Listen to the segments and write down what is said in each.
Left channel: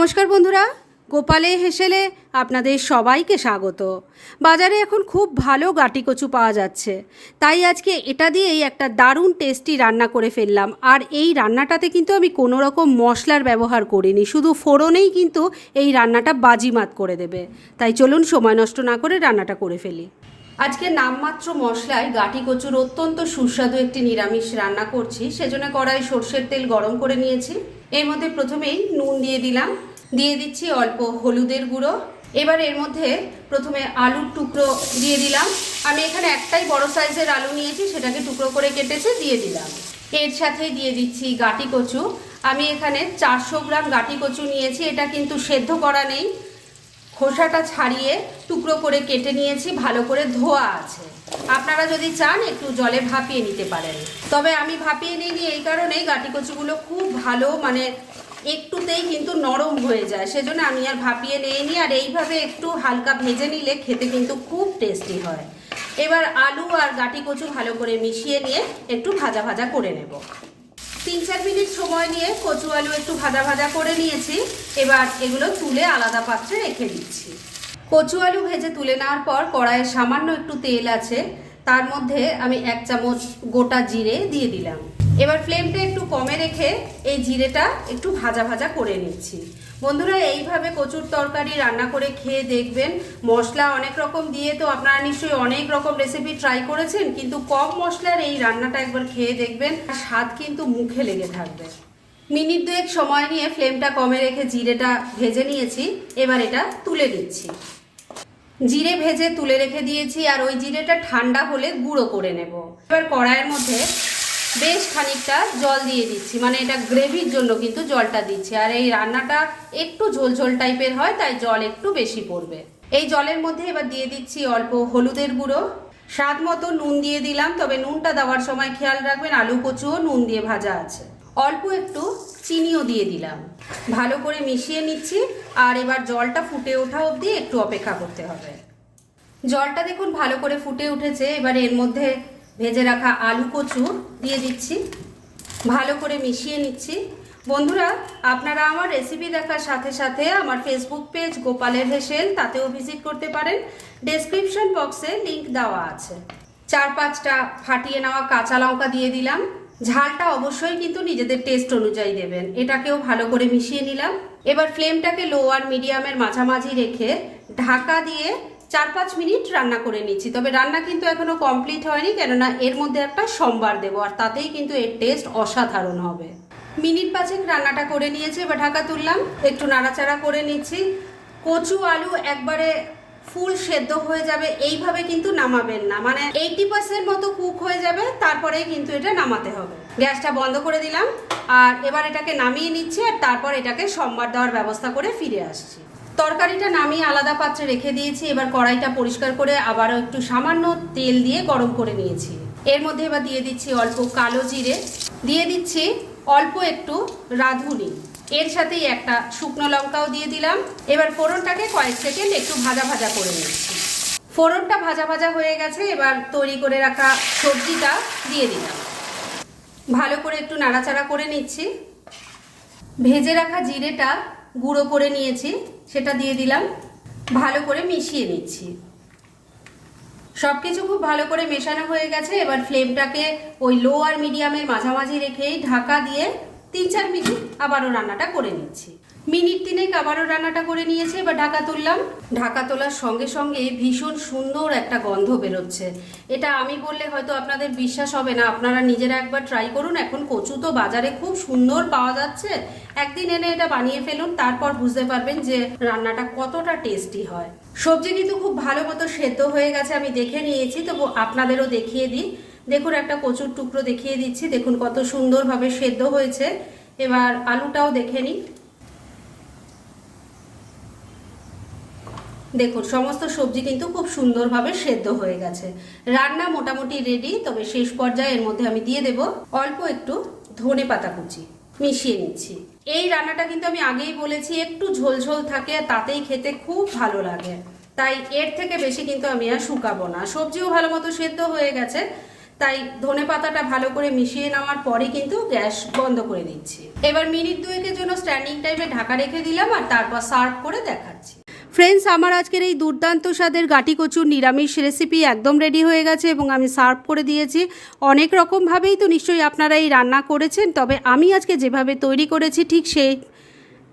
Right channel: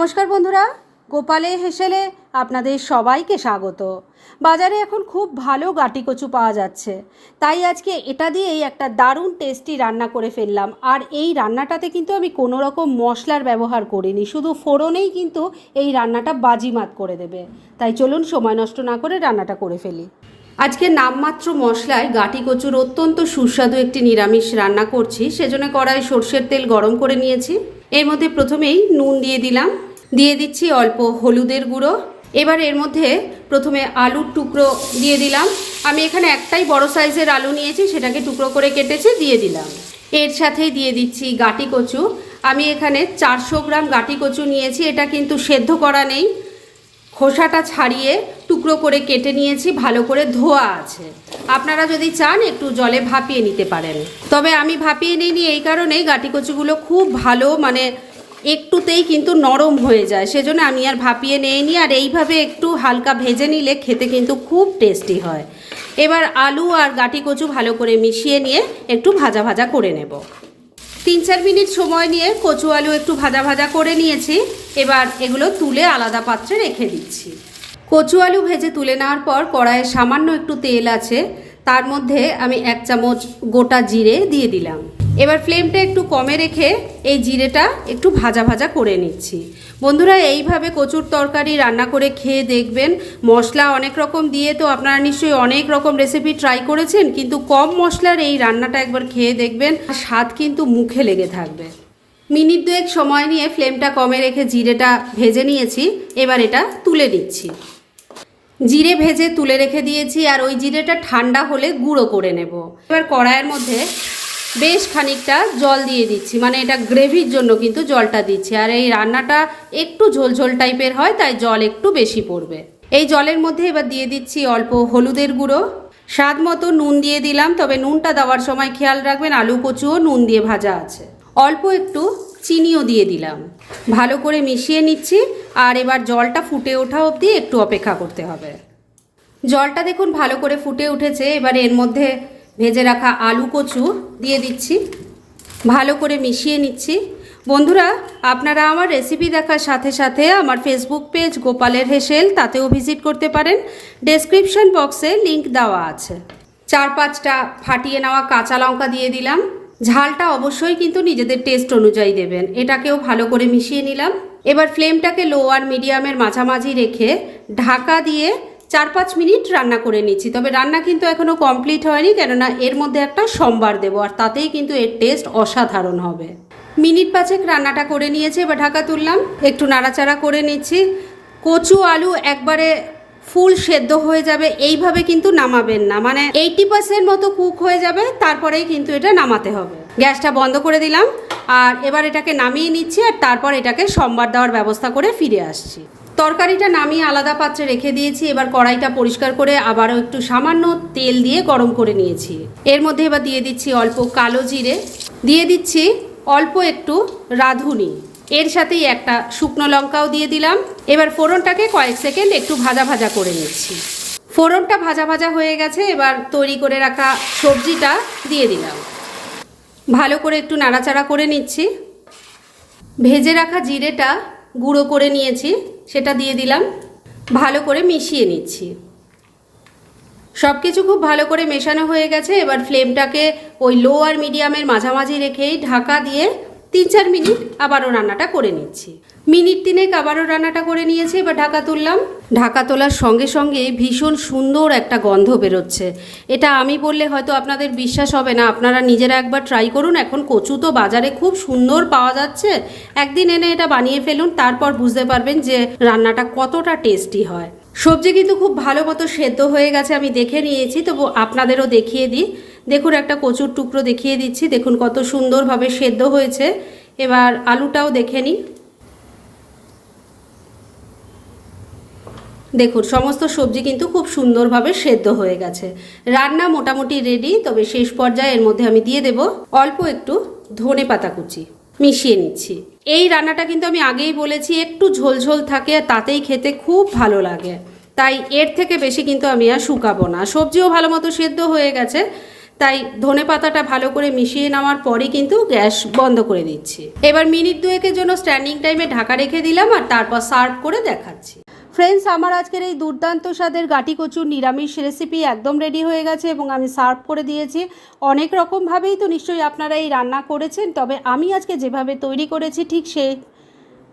নমস্কার বন্ধুরা, গোপালে হেসেলে আপনাদের সবাইকে স্বাগত। বাজারে এখন খুব ভালো গাটি কচু পাওয়া যাচ্ছে, তাই আজকে এটা দিয়েই একটা দারুণ টেস্টি রান্না করে ফেললাম। আর এই রান্নাটাতে কিন্তু আমি কোনো রকম মশলার ব্যবহার করিনি, শুধু ফোড়নেই কিন্তু এই রান্নাটা বাজিমাত করে দেবে। তাই চলুন সময় নষ্ট না করে রান্নাটা করে ফেলি। আজকে নামমাত্র মশলায় গাটি কচুর অত্যন্ত সুস্বাদু একটি নিরামিষ রান্না করছি। সেজন্য কড়াই সর্ষের তেল গরম করে নিয়েছি। এর মধ্যে প্রথমেই নুন দিয়ে দিলাম, দিয়ে দিচ্ছি অল্প হলুদের গুঁড়ো। এবার এর মধ্যে প্রথমে আলুর টুকরো দিয়ে দিলাম। আমি এখানে একটাই বড় সাইজের আলু নিয়েছি, সেটাকে টুকরো করে কেটেছি, দিয়ে দিলাম। এর সাথেই দিয়ে দিচ্ছি গাটি কচু। আমি এখানে 400 গ্রাম গাটি কচু নিয়েছি। এটা কিন্তু সেদ্ধ করা নেই, খোসাটা ছাড়িয়ে টুকরো করে কেটে নিয়েছি, ভালো করে ধোয়া আছে। আপনারা যদি চান একটু জলে ভাপিয়ে নিতে পারেন, তবে আমি ভাপিয়ে নিইনি এই কারণেই গাটি কচুগুলো খুব ভালো একটুতেই কিন্তু নরম হয়ে যায়, সেজন্য আমি আর ভাপিয়ে নিইনি। আর এইভাবে একটু হালকা ভেজে নিলে খেতে কিন্তু খুব টেস্টি হয়। এবার আলু আর গাটি কচু ভালো করে মিশিয়ে নিয়ে একটু ভাজা ভাজা করে নেব। 3-4 মিনিট সময় নিয়ে কচু আলু একটু ভাজা ভাজা করে নিয়েছি। এবার এগুলো তুলে আলাদা পাত্রে রেখে দিচ্ছি। কচু আলু ভেজে তুলে নেওয়ার পর কড়াইয়ে সামান্য একটু তেল আছে, তার মধ্যে আমি 1 চামচ গোটা জিরে দিয়ে দিলাম। এবার ফ্লেমটা একটু কমে রেখে এই জিরেটা একটু ভাজা ভাজা করে নিচ্ছি। বন্ধুরা, এইভাবে কচুর তরকারি রান্না করে খেয়ে দেখবেন। মশলা অনেক রকম দিয়ে তো আপনারা নিশ্চয়ই অনেক রকম রেসিপি ট্রাই করেছেন, কিন্তু কম মশলার এই রান্নাটা একবার খেয়ে দেখবেন, স্বাদ কিন্তু মুখে লেগে থাকবে। মিনিট 2 সময় নিয়ে ফ্লেমটা কমে রেখে জিরেটা ভেজে নিয়েছি। এবার এটা তুলে নিচ্ছি। জিরে ভেজে তুলে রেখে দিয়েছি, আর ওই জিরেটা ঠান্ডা হলে গুঁড়ো করে নেব। এবার কড়াইয়ের মধ্যে বেশ খানিকটা জল দিয়ে দিচ্ছি, এটা গ্রেভির জন্য কিন্তু জলটা দিচ্ছি। আর এই রান্নাটা একটু ঝোলঝোল টাইপের হয়, তাই জল একটু বেশি পড়বে। এই জলের মধ্যে এবার দিয়ে দিচ্ছি অল্প হলুদের গুঁড়ো, স্বাদ মতো নুন দিয়ে দিলাম, তবে নুনটা দেওয়ার সময় খেয়াল রাখবেন আলু কচুও নুন দিয়ে ভাজা আছে। অল্প একটু চিনিও দিয়ে দিলাম, ভালো করে মিশিয়ে নিচ্ছি। আর এবার জলটা ফুটে ওঠা অবধি একটু অপেক্ষা করতে হবে। জলটা দেখুন ভালো করে ফুটে উঠেছে। এবার এর মধ্যে ভেজে রাখা আলু কচু দিয়ে দিচ্ছি, ভালো করে মিশিয়ে নিচ্ছি। বন্ধুরা, আপনারা আমার রেসিপি দেখার সাথে সাথে আমার ফেসবুক পেজ গোপালের হেসেল, তাতেও ভিজিট করতে পারেন। ডেসক্রিপশন বক্সে লিংক দেওয়া আছে। 4-5টা ফাটিয়ে নেওয়া কাঁচা লঙ্কা দিয়ে দিলাম। ঝালটা অবশ্যই কিন্তু নিজেদের টেস্ট অনুযায়ী দেবেন। এটাকেও ভালো করে মিশিয়ে নিলাম। এবার ফ্লেমটাকে লো আর মিডিয়ামের মাঝামাঝি রেখে ঢাকা দিয়ে 4-5 মিনিট রান্না করে নিচ্ছি। তবে রান্না কিন্তু এখনও কমপ্লিট হয়নি, কেননা এর মধ্যে একটা সম্বার দেবো, আর তাতেই কিন্তু এর টেস্ট অসাধারণ হবে। মিনিট 5 রান্নাটা করে নিয়েছি। এবার ঢাকা তুললাম, একটু নাড়াচাড়া করে নিচ্ছি। কচু আলু একবারে ফুল সেদ্ধ হয়ে যাবে এইভাবে কিন্তু নামাবেন না, 80% মতো কুক হয়ে যাবে, তারপরেই কিন্তু এটা নামাতে হবে। গ্যাসটা বন্ধ করে দিলাম, আর এবার এটাকে নামিয়ে নিচ্ছি। আর তারপর এটাকে সম্বার দেওয়ার ব্যবস্থা করে ফিরে আসছি। তরকারিটা নামিয়ে আলাদা পাত্রে রেখে দিয়েছি। এবার কড়াইটা পরিষ্কার করে আবারও একটু সামান্য তেল দিয়ে গরম করে নিয়েছি। এর মধ্যে এবার দিয়ে দিচ্ছি অল্প কালো জিরে, দিয়ে দিচ্ছি অল্প একটু রাঁধুনি, এর সাথেই একটা শুকনো লঙ্কাও দিয়ে দিলাম। এবার ফোড়নটাকে কয়েক সেকেন্ড একটু ভাজা ভাজা করে নিচ্ছি। ফোড়নটা ভাজা ভাজা হয়ে গেছে। এবার তৈরি করে রাখা সবজিটা দিয়ে দিলাম, ভালো করে একটু নাড়াচাড়া করে নিচ্ছি। ভেজে রাখা জিরেটা গুঁড়ো করে নিয়েছি, সেটা দিয়ে দিলাম, ভালো করে মিশিয়ে নিচ্ছি। সব কিছু খুব ভালো করে মেশানো হয়ে গেছে। এবার ফ্লেমটাকে ওই লো আর মিডিয়ামের মাঝামাঝি রেখেই ঢাকা দিয়ে 3-4 মিনিট আবারও রান্নাটা করে নিচ্ছি। মিনিট 3 আবারও রান্নাটা করে নিয়েছি। এবার ঢাকা তুললাম। ঢাকা তোলার সঙ্গে সঙ্গে ভীষণ সুন্দর একটা গন্ধ বেরোচ্ছে। এটা আমি বললে হয়তো আপনাদের বিশ্বাস হবে না, আপনারা নিজেরা একবার ট্রাই করুন। এখন কচু তো বাজারে খুব সুন্দর পাওয়া যাচ্ছে, একদিন এনে এটা বানিয়ে ফেলুন, তারপর বুঝতে পারবেন যে রান্নাটা কতটা টেস্টি হয়। সবজি কিন্তু খুব ভালো মতো সেদ্ধ হয়ে গেছে, আমি দেখে নিয়েছি, তবু আপনাদেরও দেখিয়ে দিই। দেখুন, একটা কচুর টুকরো দেখিয়ে দিচ্ছি, দেখুন কত সুন্দরভাবে সেদ্ধ হয়েছে। এবার আলুটাও দেখে নিই। দেখুন, সমস্ত সবজি কিন্তু খুব সুন্দরভাবে সেদ্ধ হয়ে গেছে। রান্না মোটামুটি রেডি। তবে শেষ পর্যায়ে এর মধ্যে আমি দিয়ে দেব অল্প একটু ধনেপাতা কুচি, মিশিয়ে নিচ্ছি। এই রান্নাটা কিন্তু আমি আগেই বলেছি একটু ঝোলঝোল থাকে, তাতেই খেতে খুব ভালো লাগে, তাই এর থেকে বেশি কিন্তু আমি আর শুকাবো না। সবজিও ভালো মতো সেদ্ধ হয়ে গেছে, তাই ধনে পাতাটা ভালো করে মিশিয়ে নেওয়ার পরে কিন্তু গ্যাস বন্ধ করে দিচ্ছি। এবার মিনিট 2-এর জন্য স্ট্যান্ডিং টাইমে ঢাকা রেখে দিলাম আর তারপর সার্ভ করে দেখাচ্ছি। ফ্রেন্ডস, আমার আজকের এই দুর্দান্ত স্বাদের গাটি কচুর নিরামিষ রেসিপি একদম রেডি হয়ে গেছে এবং আমি সার্ভ করে দিয়েছি। অনেক রকমভাবেই তো নিশ্চয়ই আপনারা এই রান্না করেছেন, তবে আমি আজকে যেভাবে তৈরি করেছি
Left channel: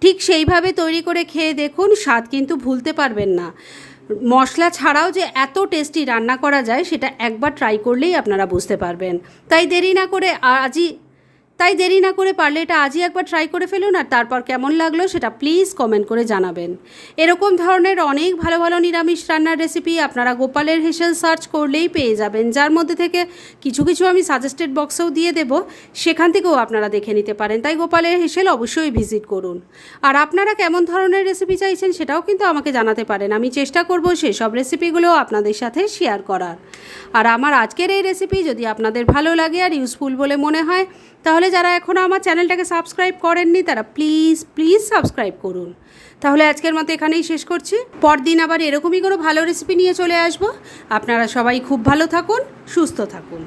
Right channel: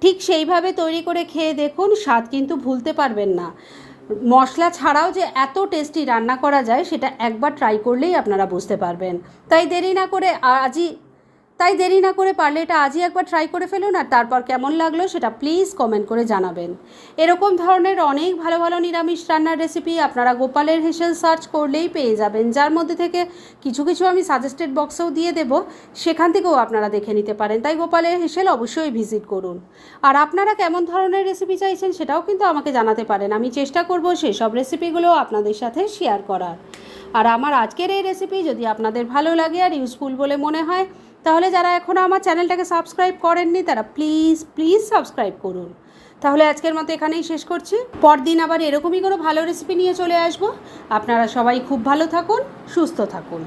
ঠিক সেইভাবে তৈরি করে খেয়ে দেখুন, স্বাদ কিন্তু ভুলতে পারবেন না। মশলা ছাড়াও যে এত টেস্টি রান্না করা যায় সেটা একবার ট্রাই করলেই আপনারা বুঝতে পারবেন। তাই দেরি না করে পারলে এটা আজই একবার ট্রাই করে ফেলুন, আর তারপর কেমন লাগলো সেটা প্লিজ কমেন্ট করে জানাবেন। এরকম ধরনের অনেক ভালো ভালো নিরামিষ রান্নার রেসিপি আপনারা গোপালের হেসেল সার্চ করলেই পেয়ে যাবেন, যার মধ্যে থেকে কিছু কিছু আমি সাজেস্টেড বক্সেও দিয়ে দেব, সেখান থেকেও আপনারা দেখে নিতে পারেন। তাই গোপালের হেসেল অবশ্যই ভিজিট করুন। আর আপনারা কেমন ধরনের রেসিপি চাইছেন সেটাও কিন্তু আমাকে জানাতে পারেন, আমি চেষ্টা করব সেসব রেসিপিগুলো আপনাদের সাথে শেয়ার করার। আর আমার আজকের এই রেসিপি যদি আপনাদের ভালো লাগে আর ইউজফুল বলে মনে হয়, তাহলে যারা এখনও আমার চ্যানেলটাকে সাবস্ক্রাইব করেননি তারা প্লিজ সাবস্ক্রাইব করুন। তাহলে আজকের মতো এখানেই শেষ করছি, পরদিন আবার এরকমই কোনো ভালো রেসিপি নিয়ে চলে আসব। আপনারা সবাই খুব ভালো থাকুন, সুস্থ থাকুন।